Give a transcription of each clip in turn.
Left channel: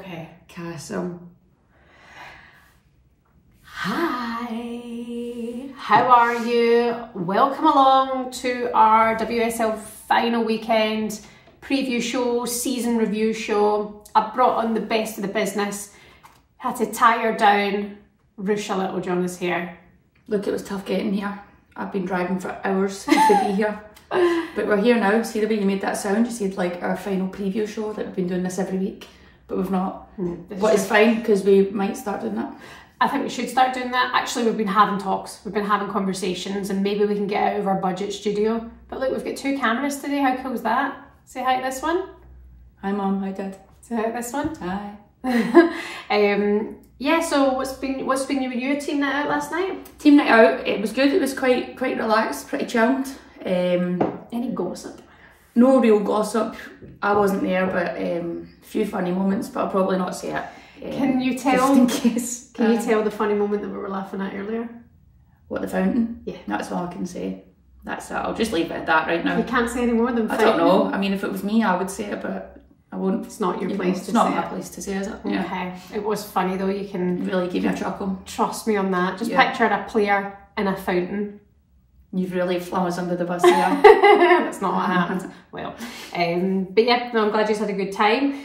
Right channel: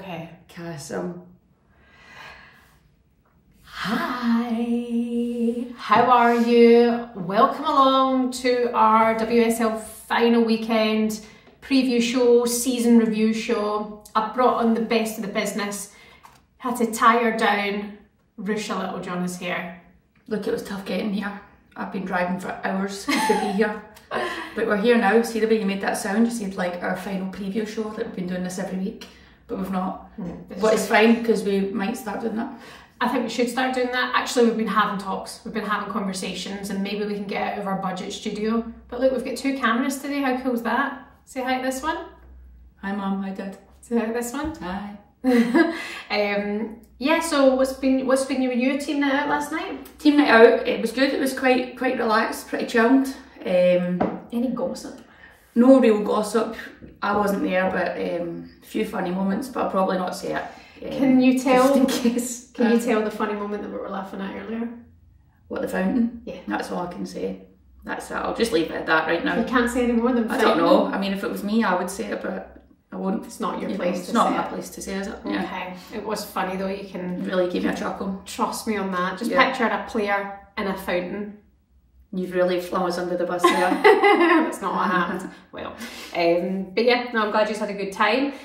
Okay. Awesome. Hi, how are you? Welcome along to our WSL final weekend preview show, season review show. I brought on the best of the business. Had to tire down Ruesha Littlejohn is here. Look, it was tough getting here. I've been driving for hours to be here. But we're here now. See the way you made that sound? You said like our final preview show, that we've been doing this every week, but we've not. But it's fine because we might start doing that. I think we should start doing that. Actually, we've been having talks, we've been having conversations, and maybe we can get out of our budget studio. But look, we've got 2 cameras today. How cool is that? Say hi to this one. Hi Mum, hi Dad. Say hi to this one. Hi. Yeah, so what's been with you? Team night out last night? Team night out, it was good. It was quite relaxed, pretty chilled. Any gossip? No real gossip. I wasn't there, but a few funny moments, but I'll probably not say it. Can you tell? Just in case. Can you tell the funny moment that we were laughing at earlier? What, the fountain? Yeah. That's all I can say. That's it. I'll just leave it at that right now. You can't say any more than fountain? I don't know. I mean, if it was me, I would say it, but I won't. It's not your place to say it. It's not my place to say, is it? Yeah. Okay. It was funny though. You can really give me a chuckle. Trust me on that. Just picture a player in a fountain. You've really flung us under the bus here. It's not what happened. Well, but yeah, no, I'm glad you had a good time.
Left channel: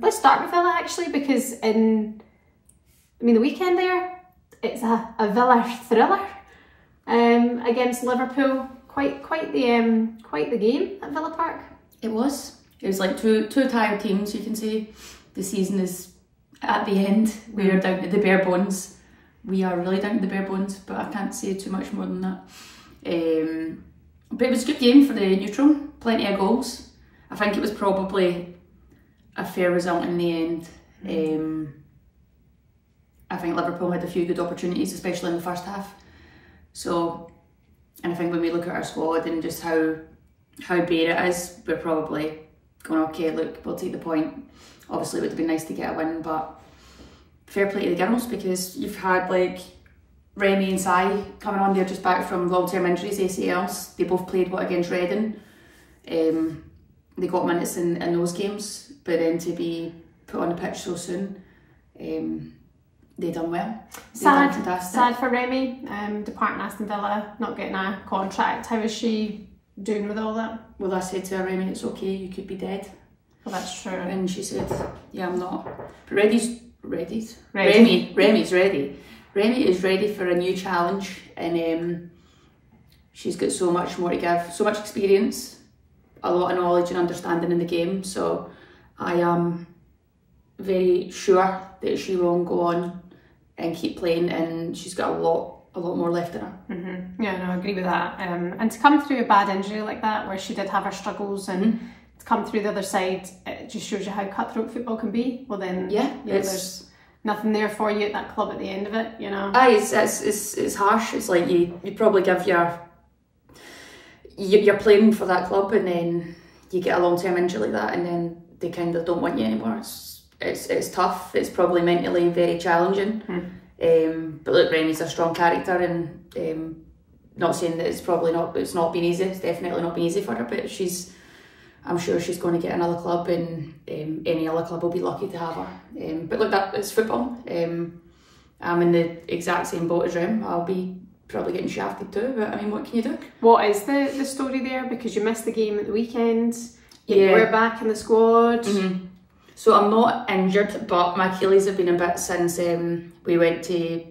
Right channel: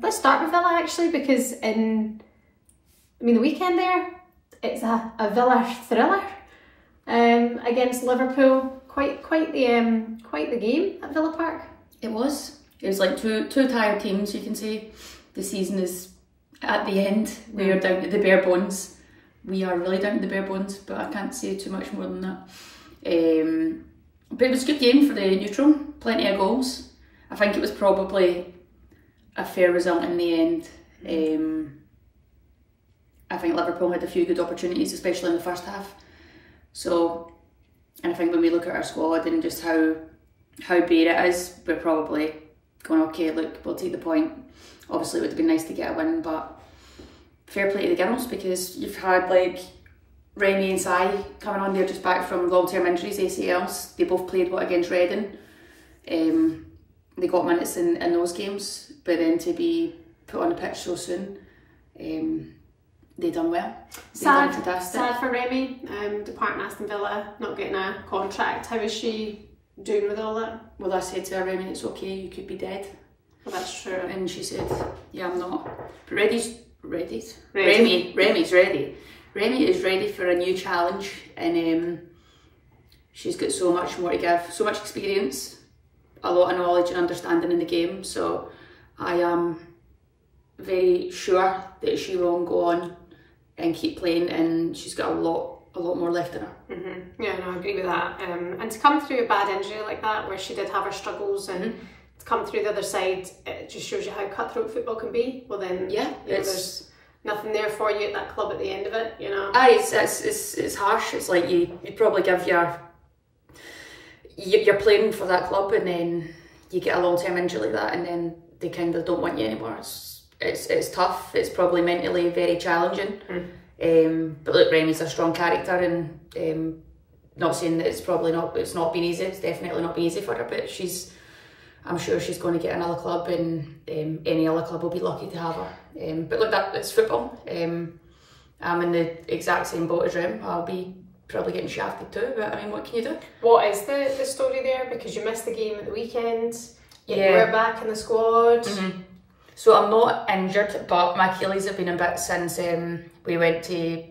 Let's start with Villa actually, because the weekend there, it's a Villa thriller against Liverpool. Quite the game at Villa Park. It was. It was like two tired teams. You can say the season is at the end. We are down to the bare bones. We are really down to the bare bones, but I can't say too much more than that. But it was a good game for the neutral. Plenty of goals. I think it was probably a fair result in the end. I think Liverpool had a few good opportunities, especially in the first half. So, and I think when we look at our squad and just how bare it is, we're probably going, okay, look, we'll take the point. Obviously it would have been nice to get a win, but fair play to the girls, because you've had like Remy and Sai coming on, they're just back from long-term injuries, ACLs. They both played against Reading. They got minutes in those games, but then to be put on the pitch so soon, they done well. Sad for Remy, departing Aston Villa, not getting a contract. How is she doing with all that? Well, I said to her, Remy, it's okay, you could be dead. Well, that's true. And she said, yeah, I'm not. But Remy's ready. Remy is ready for a new challenge, and she's got so much more to give, so much experience, a lot of knowledge and understanding in the game. So I am very sure that she will go on and keep playing, and she's got a lot more left in her. Yeah, no, I agree with that. And to come through a bad injury like that, where she did have her struggles, and to come through the other side, it just shows you how cutthroat football can be. Well then, yeah, there's nothing there for you at that club at the end of it, you know. Aye, it's harsh. It's like you probably give you're playing for that club, and then you get a long-term injury like that, and then they kind of don't want you anymore. It's tough. It's probably mentally very challenging. But look, Remy's a strong character, and not saying that it's not been easy. It's definitely not been easy for her, but I'm sure she's going to get another club, and any other club will be lucky to have her. But look, it's football. I'm in the exact same boat as Rem. I'll be probably getting shafted too, but I mean, what can you do? What is the story there? Because you missed the game at the weekend. You were back in the squad. So I'm not injured, but my Achilles have been a bit since we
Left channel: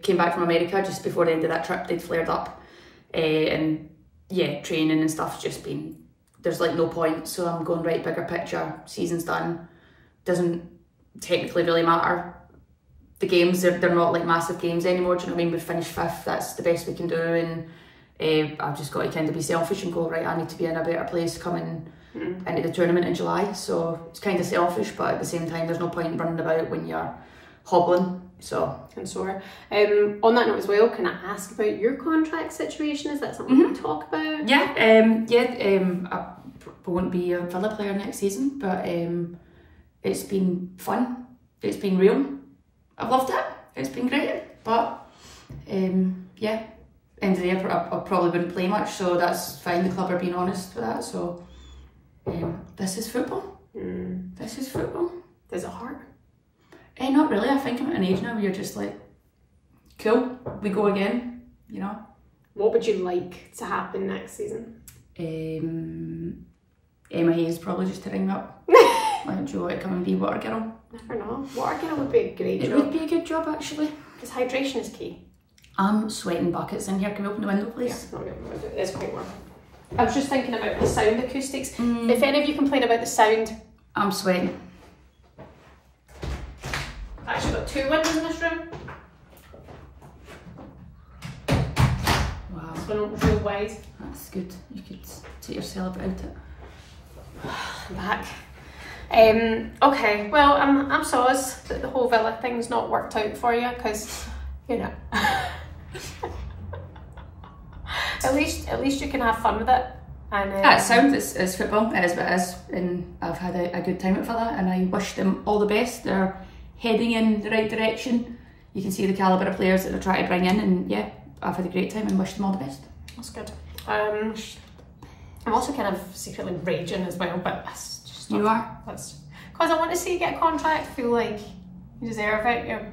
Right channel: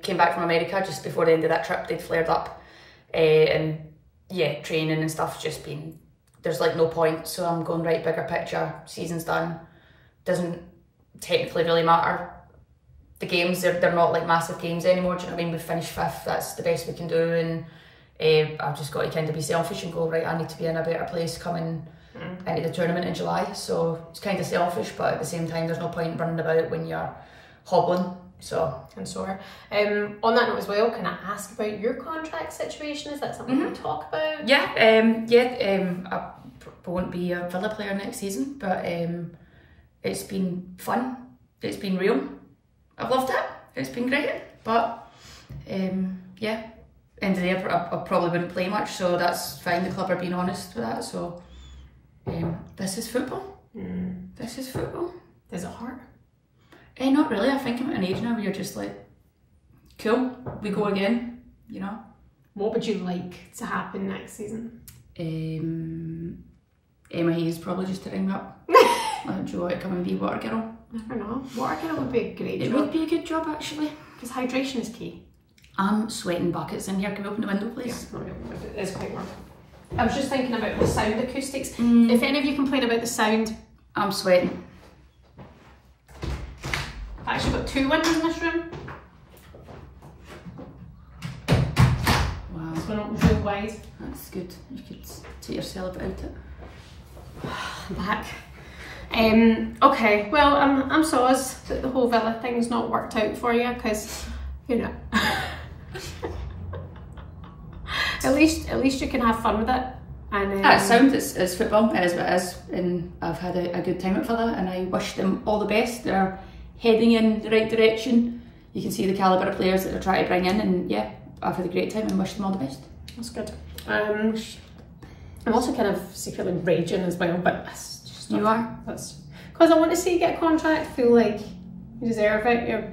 came back from America just before the end of that trip. They'd flared up, and yeah, training and stuff's just been, there's like no point. So I'm going right bigger picture. Season's done. Doesn't technically really matter. The games, they're not like massive games anymore. Do you know what I mean? We've finished 5th. That's the best we can do, and I've just got to kind of be selfish and go, right, I need to be in a better place coming into the tournament in July. So it's kind of selfish, but at the same time, there's no point running about when you're hobbling. So and sore. On that note as well, can I ask about your contract situation? Is that something we can talk about? Yeah, I won't be a Villa player next season, but it's been fun. It's been real. I've loved it. It's been great, but yeah, end of the day, I probably wouldn't play much, so that's fine. The club are being honest with that. So this is football. This is football. Does it hurt? Not really. I think I'm at an age now where you're just like, cool, we go again, you know. What would you like to happen next season? Emma Hayes probably just to ring me up. Like, do you want to come and be water girl? Never know. Water girl would be a great job. It would be a good job actually. Because hydration is key. I'm sweating buckets in here. Can we open the window, please? Yeah, it's quite warm. I was just thinking about the sound acoustics. If any of you complain about the sound, I'm sweating. I've actually got 2 windows in this room. Wow. This one opens really wide. That's good. You could take yourself out it. Back. Okay, well, I'm sorry that the whole Villa thing's not worked out for you, because, you know, at least you can have fun with it. And it sounds, it's football, it is what it is, and I've had a good time at Villa, and I wish them all the best. They're heading in the right direction. You can see the calibre of players that they're trying to bring in, and yeah, I've had a great time and wish them all the best. That's good. I'm also kind of secretly raging as well, but that's just you are? That's because I want to see you get a contract. I feel like you deserve it. You're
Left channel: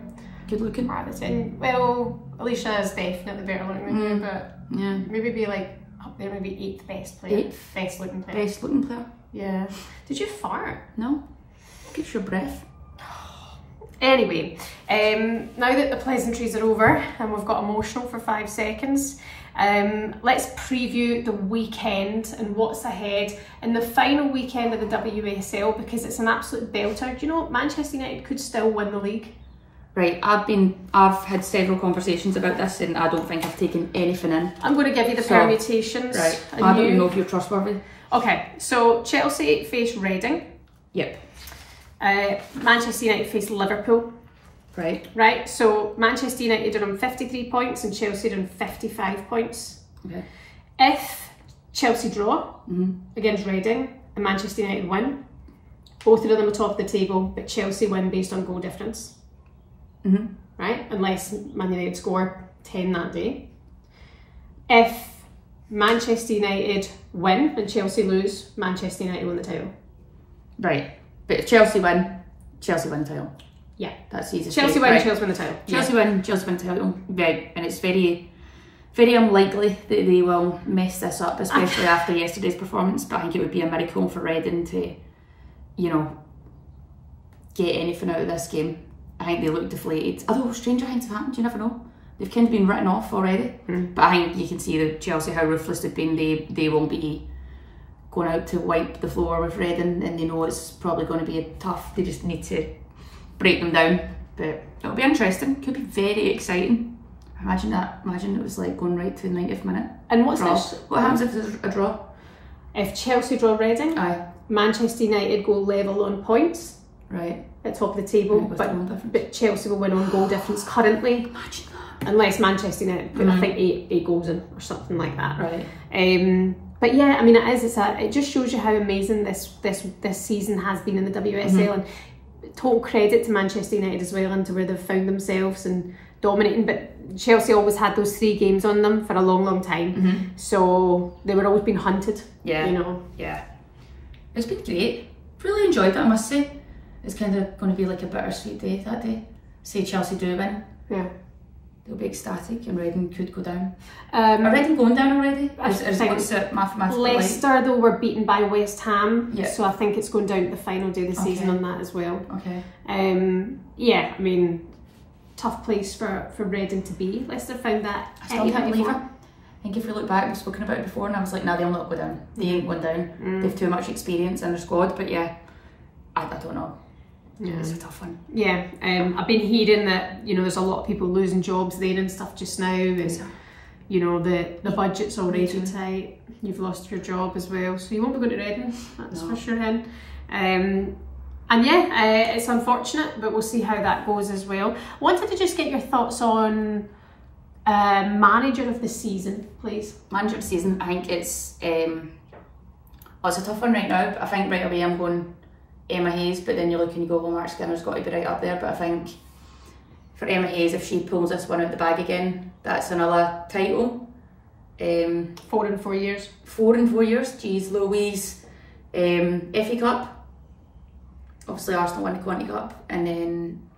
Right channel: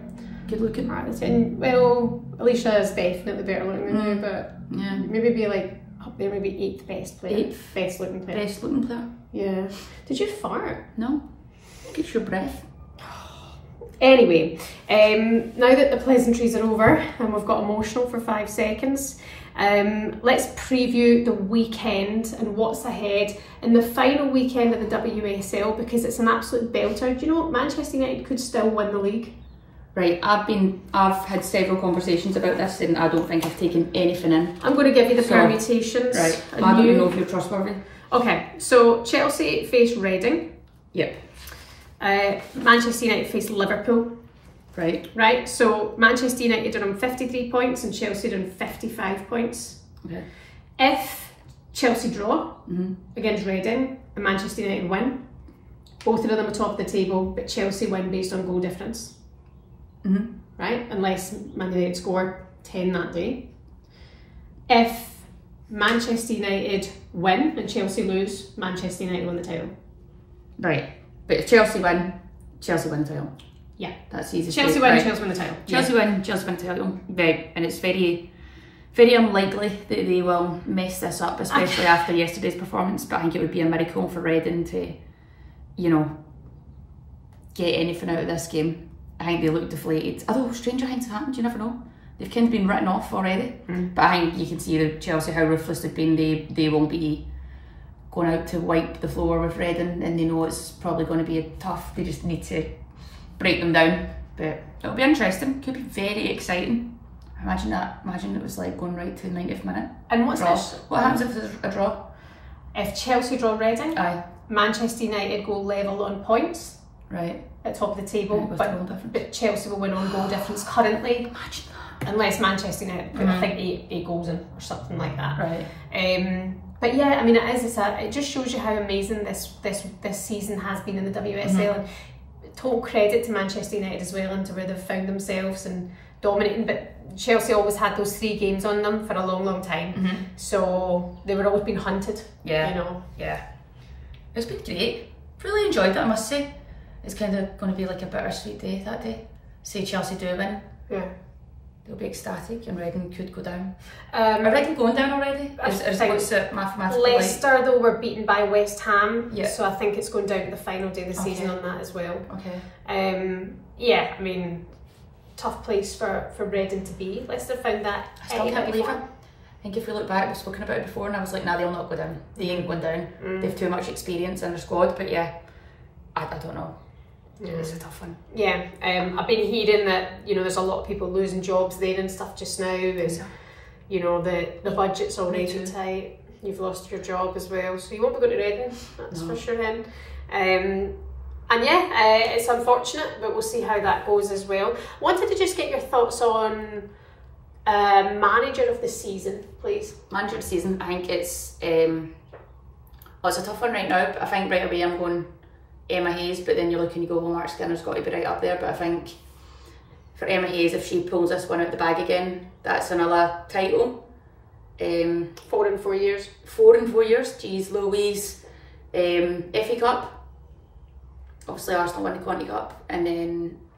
good looking. And, well, Alicia is definitely better looking, but yeah, maybe be like up there, maybe 8th best player. 8th best looking player. Best looking player. Yeah. Did you fart? No. Get your breath. Anyway, now that the pleasantries are over and we've got emotional for 5 seconds, let's preview the weekend and what's ahead in the final weekend of the WSL, because it's an absolute belter. Do you know Manchester United could still win the league? Right, I've had several conversations about this and I don't think I've taken anything in. I'm going to give you the permutations. Right, I don't even know if you're trustworthy. Okay, so Chelsea face Reading. Yep. Manchester United face Liverpool. Right. Right, so Manchester United are on 53 points and Chelsea are on 55 points. Okay. If Chelsea draw against Reading and Manchester United win, both of them are top of the table, but Chelsea win based on goal difference. Right, unless Man United score 10 that day. If Manchester United win and Chelsea lose, Manchester United win the title. Right, but if Chelsea win the title. Yeah, that's easy. Chelsea win, Chelsea win the title. Chelsea win the title. Right, and it's very, very unlikely that they will mess this up, especially after yesterday's performance. But I think it would be a miracle for Reading to, you know, get anything out of this game. I think they look deflated. Although stranger things have happened, you never know. They've kind of been written off already. But I think you can see the Chelsea, how ruthless they've been. They won't be going out to wipe the floor with Reading, and they know it's probably going to be tough. They just need to break them down. But it'll be interesting. Could be very exciting. Imagine that. Imagine it was like going right to the 90th minute. And what's draw. this? What happens if there's a draw? If Chelsea draw Reading, aye. Manchester United go level on points. Right. At top of the table, but Chelsea will win on goal difference currently. Imagine that. Unless Manchester United put I think eight goals in or something like that. Right. But yeah, I mean it just shows you how amazing this season has been in the WSL, and total credit to Manchester United as well, and to where they've found themselves and dominating. But Chelsea always had those 3 games on them for a long time, so they were always being hunted. Yeah. You know. Yeah. It's been great. Really enjoyed it, I must say. It's kind of going to be like a bittersweet day that day. Say Chelsea do win. Yeah. They'll be ecstatic and Reading could go down. Are Reading going down already? What's it mathematically Leicester though were beaten by West Ham, yeah. So I think it's going down to the final day of the season on that as well. Okay. Yeah, I mean, tough place for Reading to be. Leicester found that. I still can't believe it. I think if we look back, we've spoken about it before, and I was like, nah, they'll not go down. They ain't going down. They've too much experience in their squad, but yeah, I don't know. It's a tough one. Yeah, I've been hearing that, you know, there's a lot of people losing jobs there and stuff just now, and you know, the budget's already tight. You've lost your job as well, so you won't be going to Reading, that's for sure. Then, and yeah, it's unfortunate, but we'll see how that goes as well. Wanted to just get your thoughts on manager of the season, please. Manager of the season, I think it's well, it's a tough one right now, but I think right away I'm going Emma Hayes, but then you look and you go, well, Mark Skinner's got to be right up there. But I think for Emma Hayes, if she pulls this one out the bag again, that's another title. 4 in 4 years. 4 in 4 years, geez Louise. FA Cup, obviously Arsenal won the Conti Cup, and then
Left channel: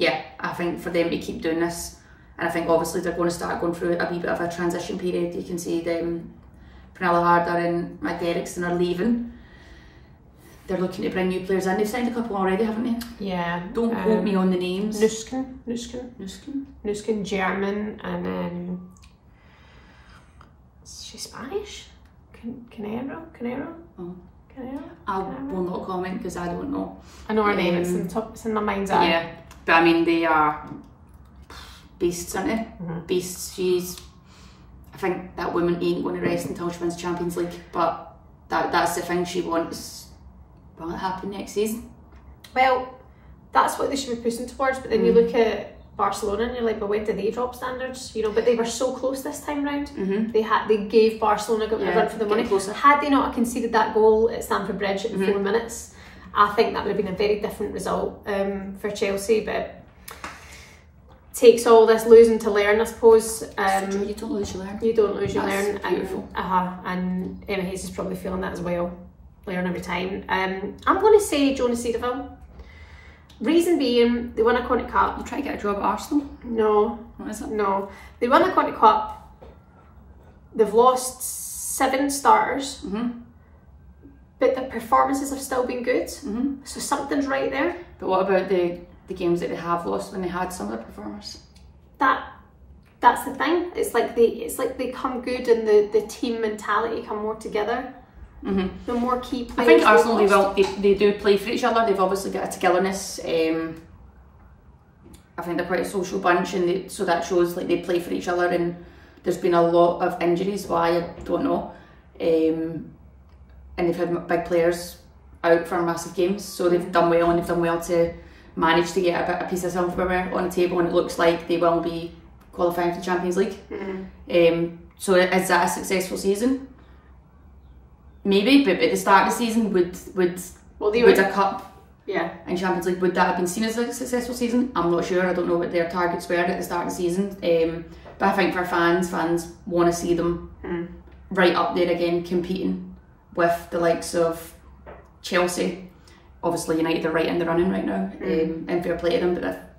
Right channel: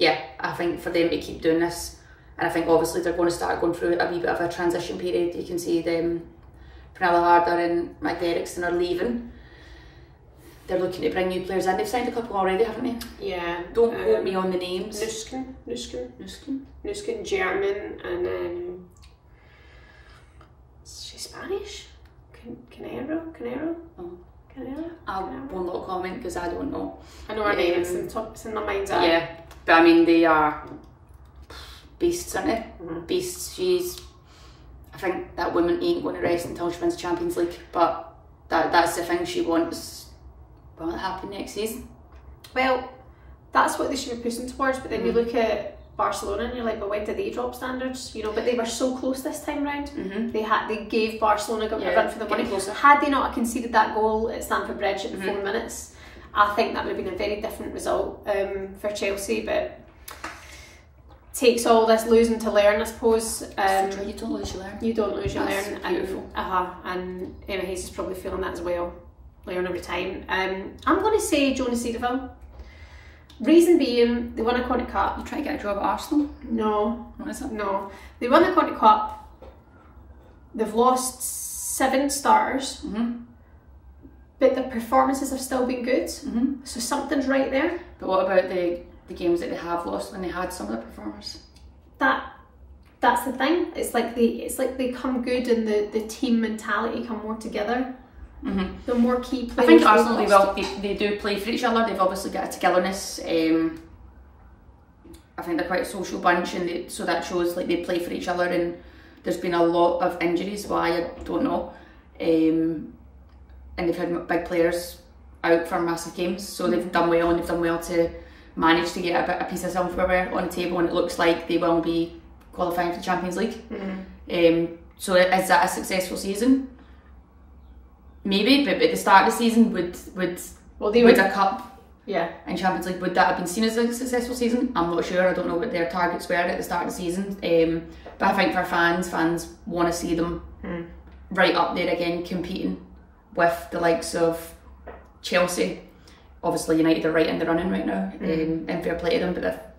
yeah, I think for them to keep doing this, and I think obviously they're going to start going through a wee bit of a transition period. You can see them, Pernilla Harder and Magda Eriksson are leaving. They're looking to bring new players in. They've signed a couple already, haven't they? Yeah. Don't quote me on the names. Nuskin, German, and is she Spanish? Canero? Oh. Canero? I will not comment because I don't know. I know her name, it's in the top, it's in my mind's eye. Yeah, but I mean, they are beasts, aren't they? Mm-hmm. Beasts. I think that woman ain't going to rest until she wins Champions League, but that's the thing she wants. Will it happen next season? Well, that's what they should be pushing towards, but then you look at Barcelona and you're like, well, where did they drop standards? You know, but they were so close this time round. They gave Barcelona a run for the money. Had they not conceded that goal at Stamford Bridge in 4 minutes, I think that would have been a very different result for Chelsea. But takes all this losing to learn, I suppose. You don't lose, you learn. You don't lose, you learn. Beautiful. And Emma Hayes is probably feeling that as well. Learn every time. I'm going to say Jonas Cedarville. Reason being, they won a Conti Cup. You try to get a job at Arsenal? No. What is it? No. They won a Conti Cup. They've lost 7 starters. But their performances have still been good. So something's right there. But what about the games that they have lost when they had some of the performers? That's the thing. It's like they come good and the team mentality come more together. The more key players. I think Arsenal, they do play for each other. They've obviously got a togetherness. I think they're quite a social bunch, and so that shows like they play for each other. And there's been a lot of injuries. Why, I don't know. And they've had big players out for massive games, so they've done well, and they've done well to manage to get a piece of silverware on the table, and it looks like they will be qualifying for the Champions League. So is that a successful season? Maybe, but at the start of the season, would a cup and Champions League, would that have been seen as a successful season? I'm not sure. I don't know what their targets were at the start of the season. But I think for fans want to see them right up there again, competing with the likes of Chelsea. Obviously, United are right in the running right now, and fair play to them. But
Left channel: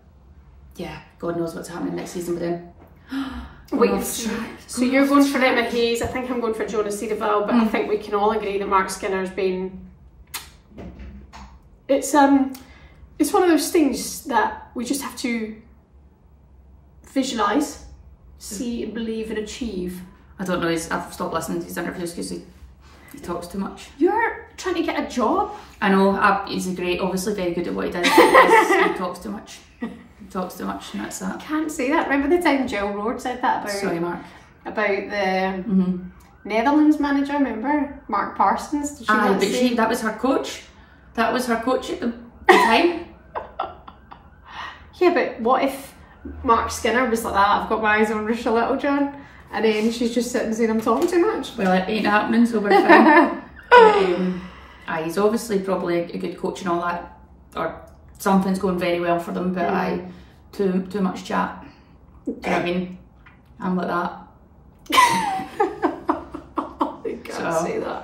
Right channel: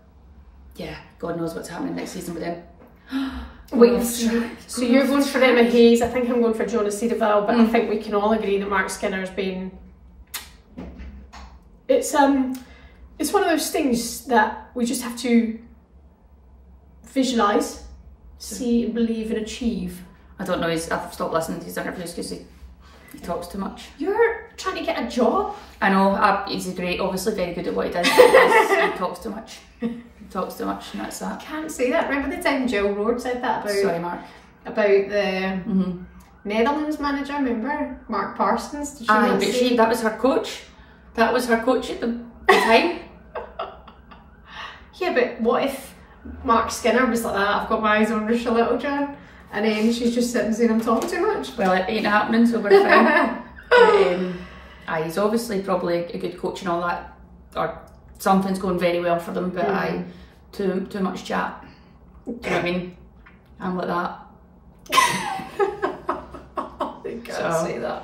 God knows what's happening next season with them. Wait, so you're going for Emma Hayes, I think I'm going for Jonas Cedarville, but I think we can all agree that Mark Skinner's been... It's one of those things that we just have to visualise, see and believe and achieve. I don't know, I've stopped listening to his interviews because he talks too much. You're trying to get a job? I know, he's obviously very good at what he does. He talks too much. Talks too much, and that's that. I can't say that. Remember the time Jill Roord said that about... Sorry, Mark. About the Netherlands manager, remember? Mark Parsons. Did but that was her coach. That was her coach at the time. Yeah, but what if Mark Skinner was like that? I've got my eyes on Ruesha Littlejohn, and then she's just sitting saying I'm talking too much. Well, it ain't happening, so we're fine. He's obviously probably a good coach and all that, or something's going very well for them, but too much chat. Do you know what I mean? I'm like that. You can't say that.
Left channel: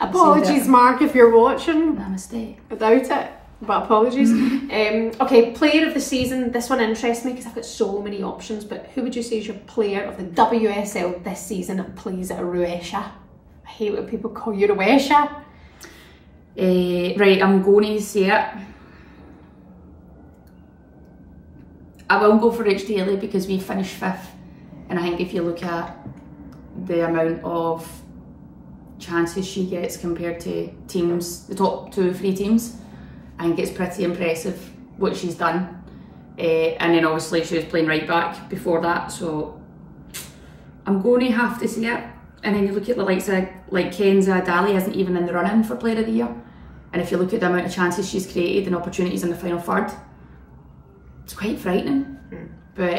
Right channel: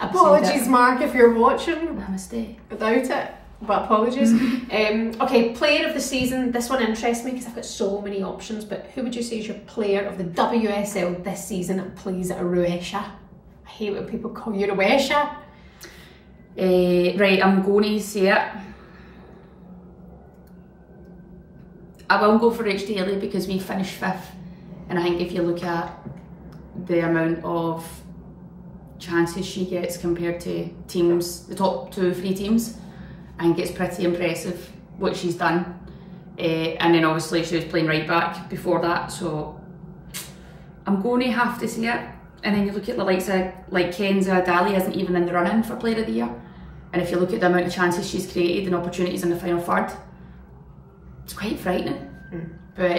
Apologies, Mark, if you're watching. Namaste. Without it, but apologies. Okay, player of the season. This one interests me because I've got so many options, but who would you say is your player of the WSL this season and plays at Ruesha? I hate when people call you Ruesha. Right, I'm going to say it. I will go for Rach Daly because we finished 5th, and I think if you look at the amount of chances she gets compared to teams, the top 2 or 3 teams, I think it's pretty impressive what she's done. And then obviously she was playing right back before that, so I'm going to have to say it. And then you look at the likes of like Kenza Dali isn't even in the run-in for Player of the Year, and if you look at the amount of chances she's created and opportunities in the final third, it's quite frightening. But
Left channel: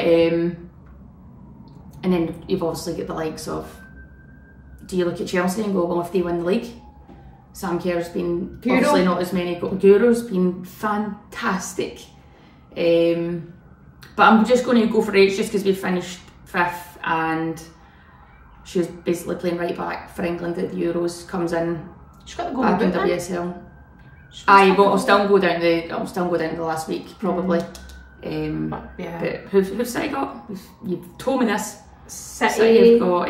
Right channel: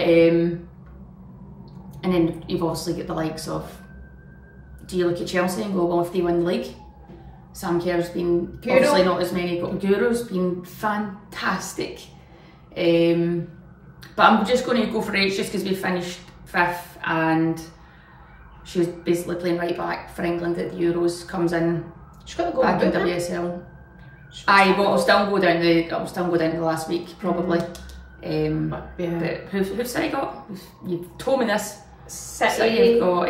and then you've obviously got the likes of, do you look at Chelsea and go, well, if they win the league, Sam Kerr's been obviously not as many, Guro's been fantastic. But I'm just going to go for H just because we finished 5th and she was basically playing right back for England at the Euros, comes in She's got the back in golden boot, WSL. I'll still go down the last week probably. But who's City got? You've told me this. City have got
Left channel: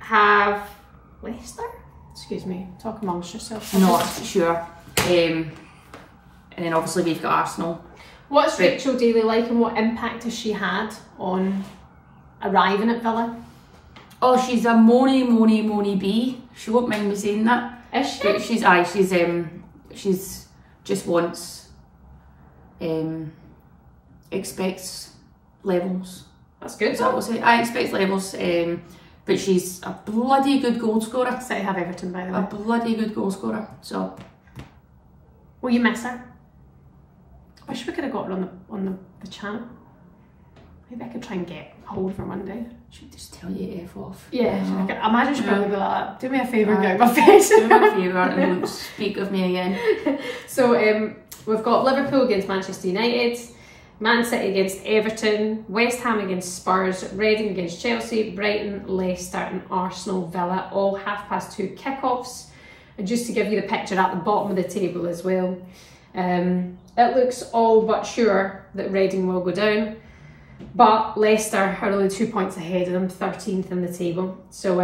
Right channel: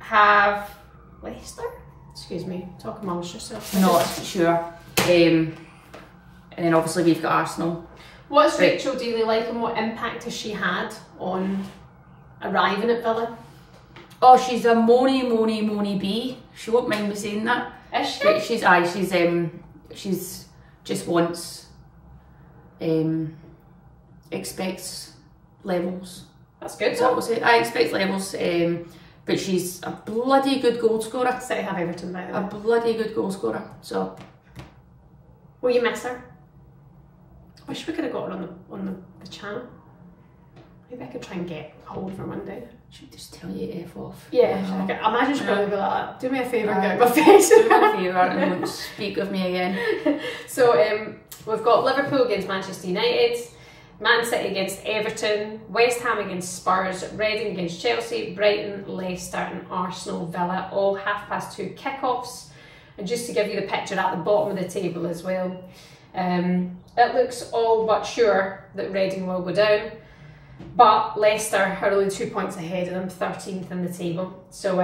have Leicester. Excuse me, talk amongst yourselves. Not sure. And then obviously we've got Arsenal. What's Rachel Daly like, and what impact has she had on arriving at Villa? Oh, she's a moany bee. She won't mind me saying that. Is she? But she's just wants, expects levels. That's good. Is that what I expect levels. But she's a bloody good goal scorer. City have Everton, by the way. A bloody good goal scorer. So, will you miss her? Wish we could have got her on the channel. Maybe I could try and get hold of her one day. She'd just tell you F off. Yeah, I imagine she'd probably be like that. Do me a favour and get out of my face. Do me a favour and don't speak of me again. So we've got Liverpool against Manchester United, Man City against Everton, West Ham against Spurs, Reading against Chelsea, Brighton, Leicester and Arsenal Villa, all 2:30 kickoffs. And just to give you the picture at the bottom of the table as well, it looks all but sure that Reading will go down, but Leicester are only 2 points ahead of them, 13th in the table. So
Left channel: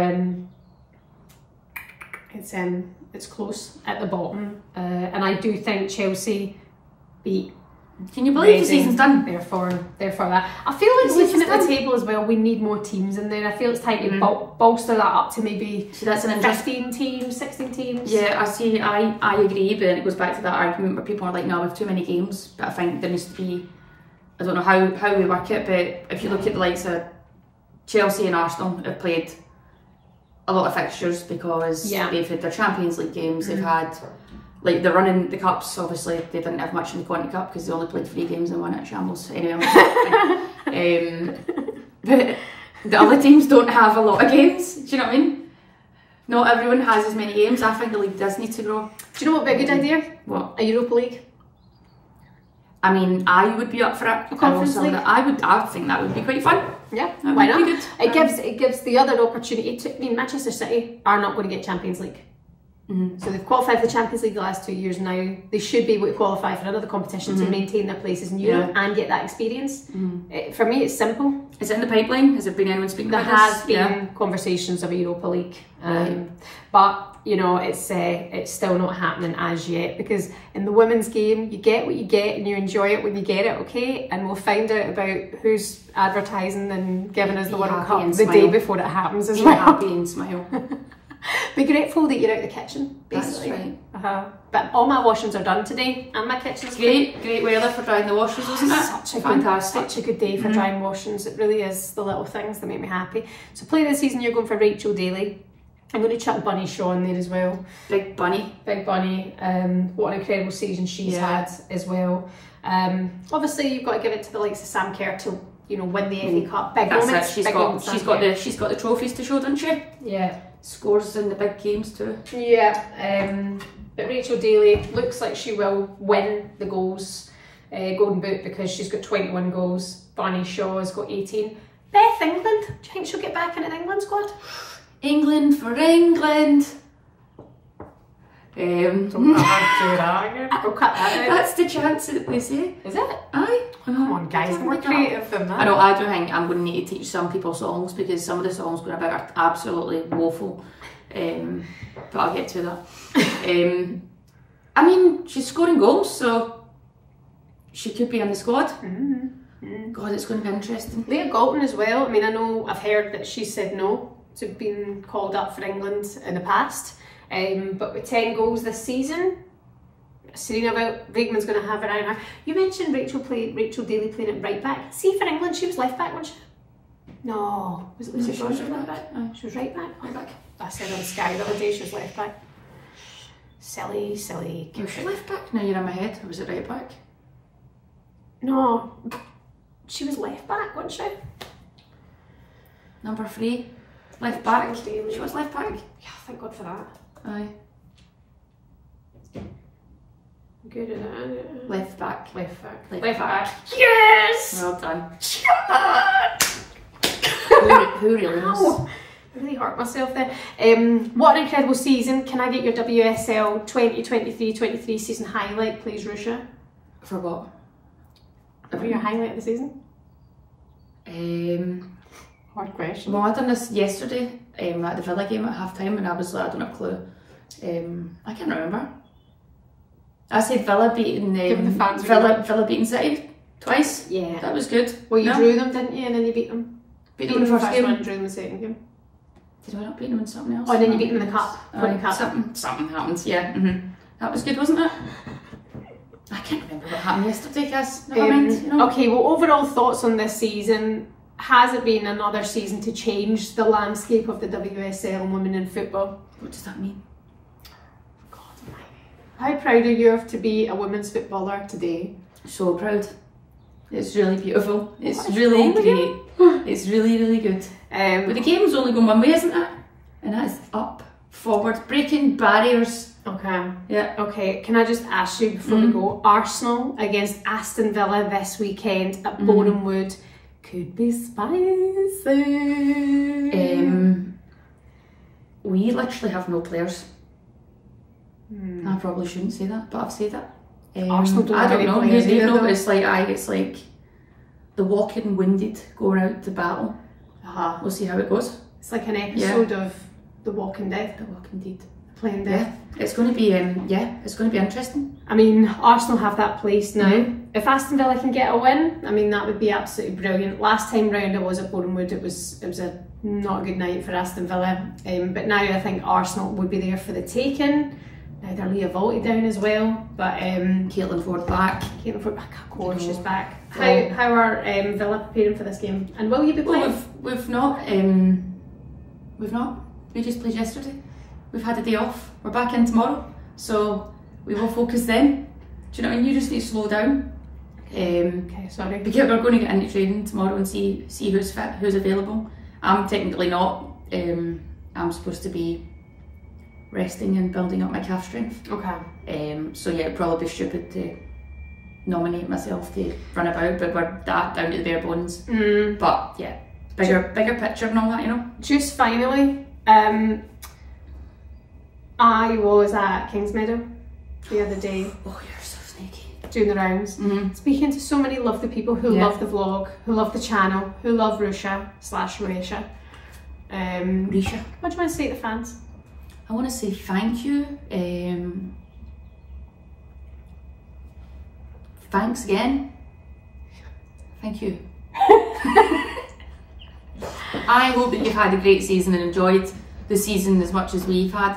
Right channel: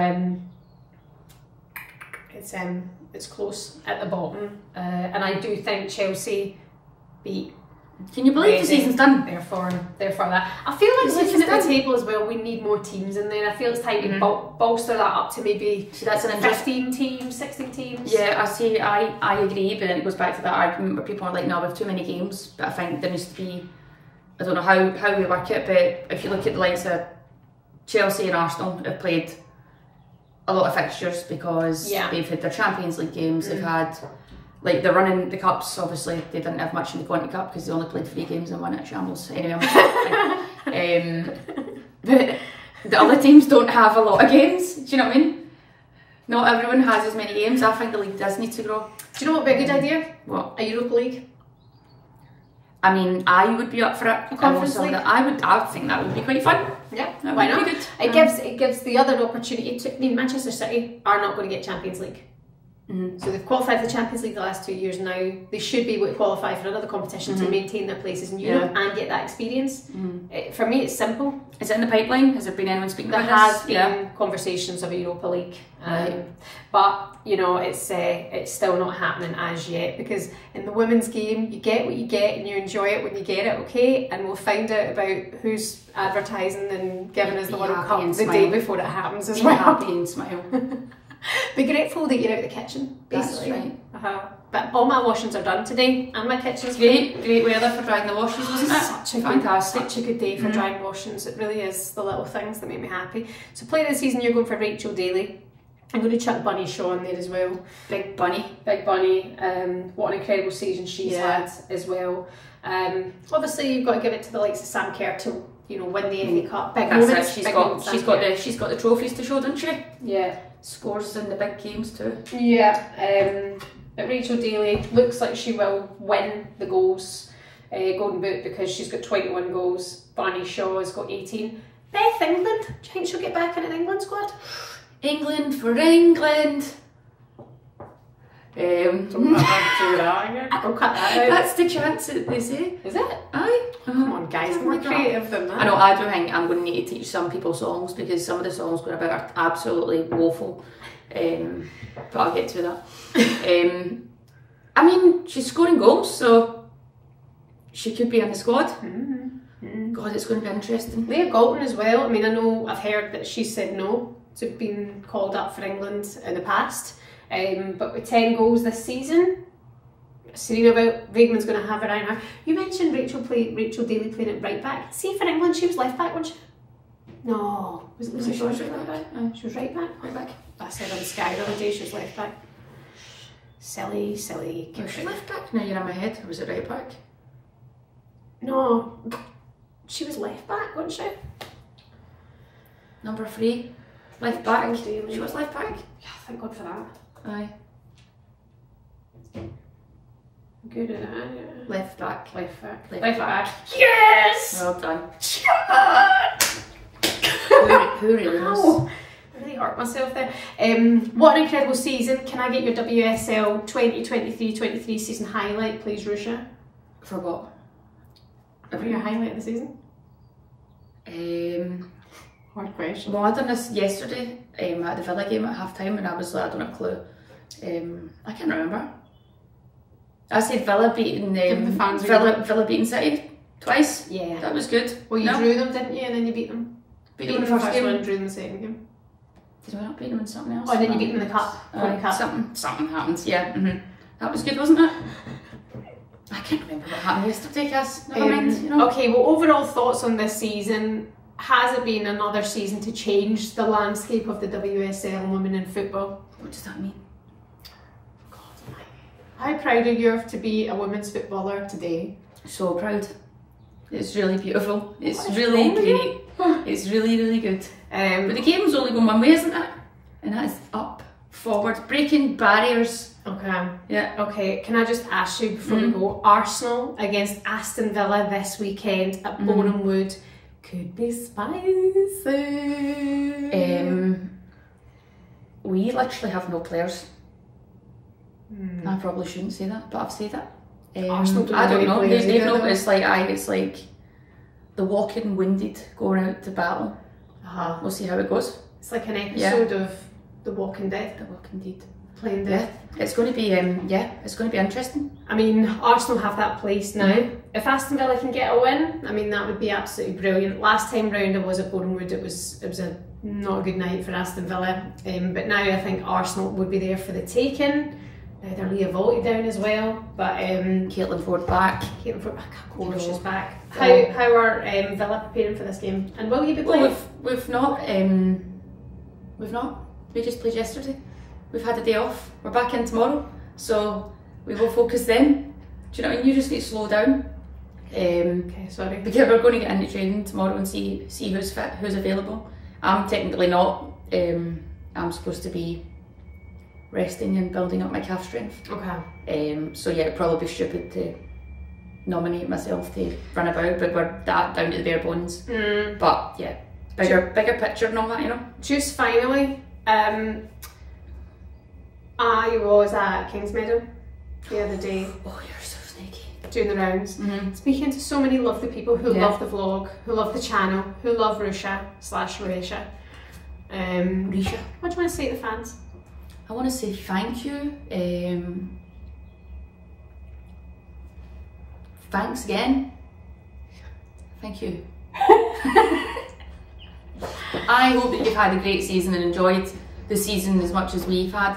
it's close at the bottom, and I do think Chelsea beat. Can you believe the season's done? Therefore that. I feel like looking at the table as well, we need more teams in there. I feel it's time to bolster that up to maybe that's an 15 teams, 16 teams. Yeah, I agree, but it goes back to that argument where people are like, no, we have too many games. But I think there needs to be, I don't know how we work it, but if you look at the likes of Chelsea and Arsenal have played a lot of fixtures because they've had their Champions League games, they've had, like, they're running the cups. Obviously they didn't have much in the Conti Cup because they only played 3 games and won at shambles. Anyway, but the other teams don't have a lot of games, do you know what I mean? Not everyone has as many games. I think the league does need to grow. Do you know what would be a good idea? What? A Europa League. I mean, I would be up for it. I think that would be quite fun. Yeah, that why would not? Be good. It gives the other opportunity to. I mean, Manchester City are not going to get Champions League. So they've qualified for the Champions League the last 2 years now. They should be able to qualify for another competition to maintain their places in Europe and get that experience. For me, it's simple. Is it in the pipeline? Has there been anyone speaking about this? There has been conversations of a Europa League, but you know, it's still not happening as yet, because in the women's game you get what you get and you enjoy it when you get it, okay? And we'll find out about who's advertising and giving us the World Cup the day before it happens as well. Be happy and smile. Be grateful that you're out of the kitchen, basically. That's right. But all my washings are done today and my kitchen's great weather for drying the washes, wasn't it? Fantastic. Such a good day for drying washings. It really is the little things that make me happy. So player of the season, you're going for Rachel Daly. I'm going to chuck Bunny Shaw in there as well. Big Bunny. What an incredible season she's had as well. Obviously you've got to give it to the likes of Sam Kerr to, you know, win the FA Cup. Big moments. She's got the trophies to show, doesn't she? Yeah. Scores in the big games too. Yeah. But Rachel Daly looks like she will win the goals, Golden Boot, because she's got 21 goals. Bunny Shaw has got 18. Beth England, do you think she'll get back in the England squad? England for England. Don't do that. We'll cut that out. That's the chance that they say. Is it? Aye. Come on, guys, more creative than that. I know. I do think I'm going to need to teach some people songs, because some of the songs going about are absolutely woeful. But I'll get to that. I mean, she's scoring goals, so she could be in the squad. God, it's going to be interesting. Leah Galton as well. I mean, I know I've heard that she said no to being called up for England in the past. But with 10 goals this season, Serena Weigman's going to have her eye. You mentioned Rachel Daly playing at right back. See, for England, she was left back, wasn't she? No, was it she was right back? She was right back. Right back. I said on Sky the other day she was left back. Silly. Was she left back? No, you're in my head. Or was it right back? No, she was left back, wasn't she? Number 3, left back. She was left back. Yeah, thank God for that. Aye. Good. Left back. Left back. Yes! Well done. Who really knows? I really hurt myself there. What an incredible season. Can I get your WSL 2023-23 season highlight, please, Ruesha? For what? For your highlight of the season? Hard question. Well, I done this yesterday at the Villa game at half time, and I was like, I don't have a clue. I can't remember. I said Villa beating Villa beating City twice. Yeah. That was good. Well, you drew them, didn't you? And then you beat them. Beat them in the first game. One and drew them in the second game. Did we not beat them in something else? Oh, and then you beat them in the cup. Something happened, yeah. That was good, wasn't it? I can't remember what happened yesterday, Cass. Never mind, you know. Okay, well, overall thoughts on this season. Has it been another season to change the landscape of the WSL and women in football? What does that mean? God, how proud are you to be a women's footballer today? So proud. It's really beautiful. It's really great. It's really, really good. But the game's only going one way, isn't it? And that is up, forward, breaking barriers. Okay. Yeah. Okay, can I just ask you before we go, Arsenal against Aston Villa this weekend at Boreham Wood could be spicy. We literally have no players. I probably shouldn't say that, but I've said it. Arsenal I don't know. They've no, it's like the walking wounded going out to battle. We'll see how it goes. It's like an episode of The Walking Dead. The Walking Dead. Playing death. Yeah, it's going to be it's going to be interesting. I mean, Arsenal have that place now. If Aston Villa can get a win, I mean, that would be absolutely brilliant. Last time round I was at Boreham Wood, it was a not a good night for Aston Villa. But now I think Arsenal would be there for the taking. Now they're Leah Volti down as well, but Caitlin Ford back. Caitlin Ford, of course, she's back. How are Villa preparing for this game? And will you be playing? Well, we've not. We just played yesterday. We've had a day off. We're back in tomorrow, so we will focus then. Do you know what I mean? You just need to slow down. Okay, sorry. Because we're going to get into training tomorrow and see who's fit, who's available. I'm technically not. I'm supposed to be resting and building up my calf strength. Okay. So yeah, it'd probably be stupid to nominate myself to run about, but we're that down to the bare bones. But yeah, bigger picture and all that, you know. Just finally, I was at Kingsmeadow the other day. Oh, you're so sneaky. Doing the rounds, speaking to so many lovely people who love the vlog, who love the channel, who love Ruesha / Ruesha. Ruesha. What do you want to say to the fans? I want to say thank you. Thanks again. Thank you. I hope that you've had a great season and enjoyed the season as much as we've had.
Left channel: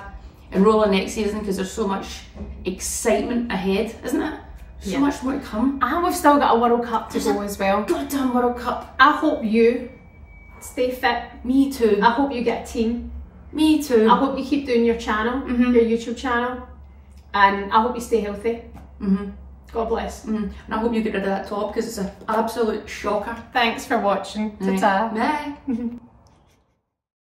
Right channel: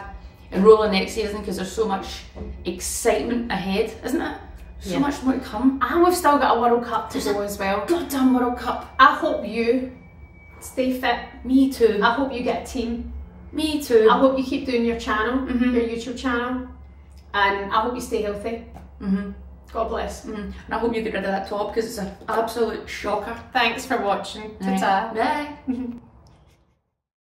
And roll on next season, because there's so much excitement ahead, isn't it? So much more to come. And we've still got a World Cup to go as well. Goddamn World Cup. I hope you stay fit. Me too. I hope you get a team. Me too. I hope you keep doing your channel, your YouTube channel. And I hope you stay healthy. God bless. And I hope you get rid of that top, because it's an absolute shocker. Thanks for watching. Ta-ta. Bye.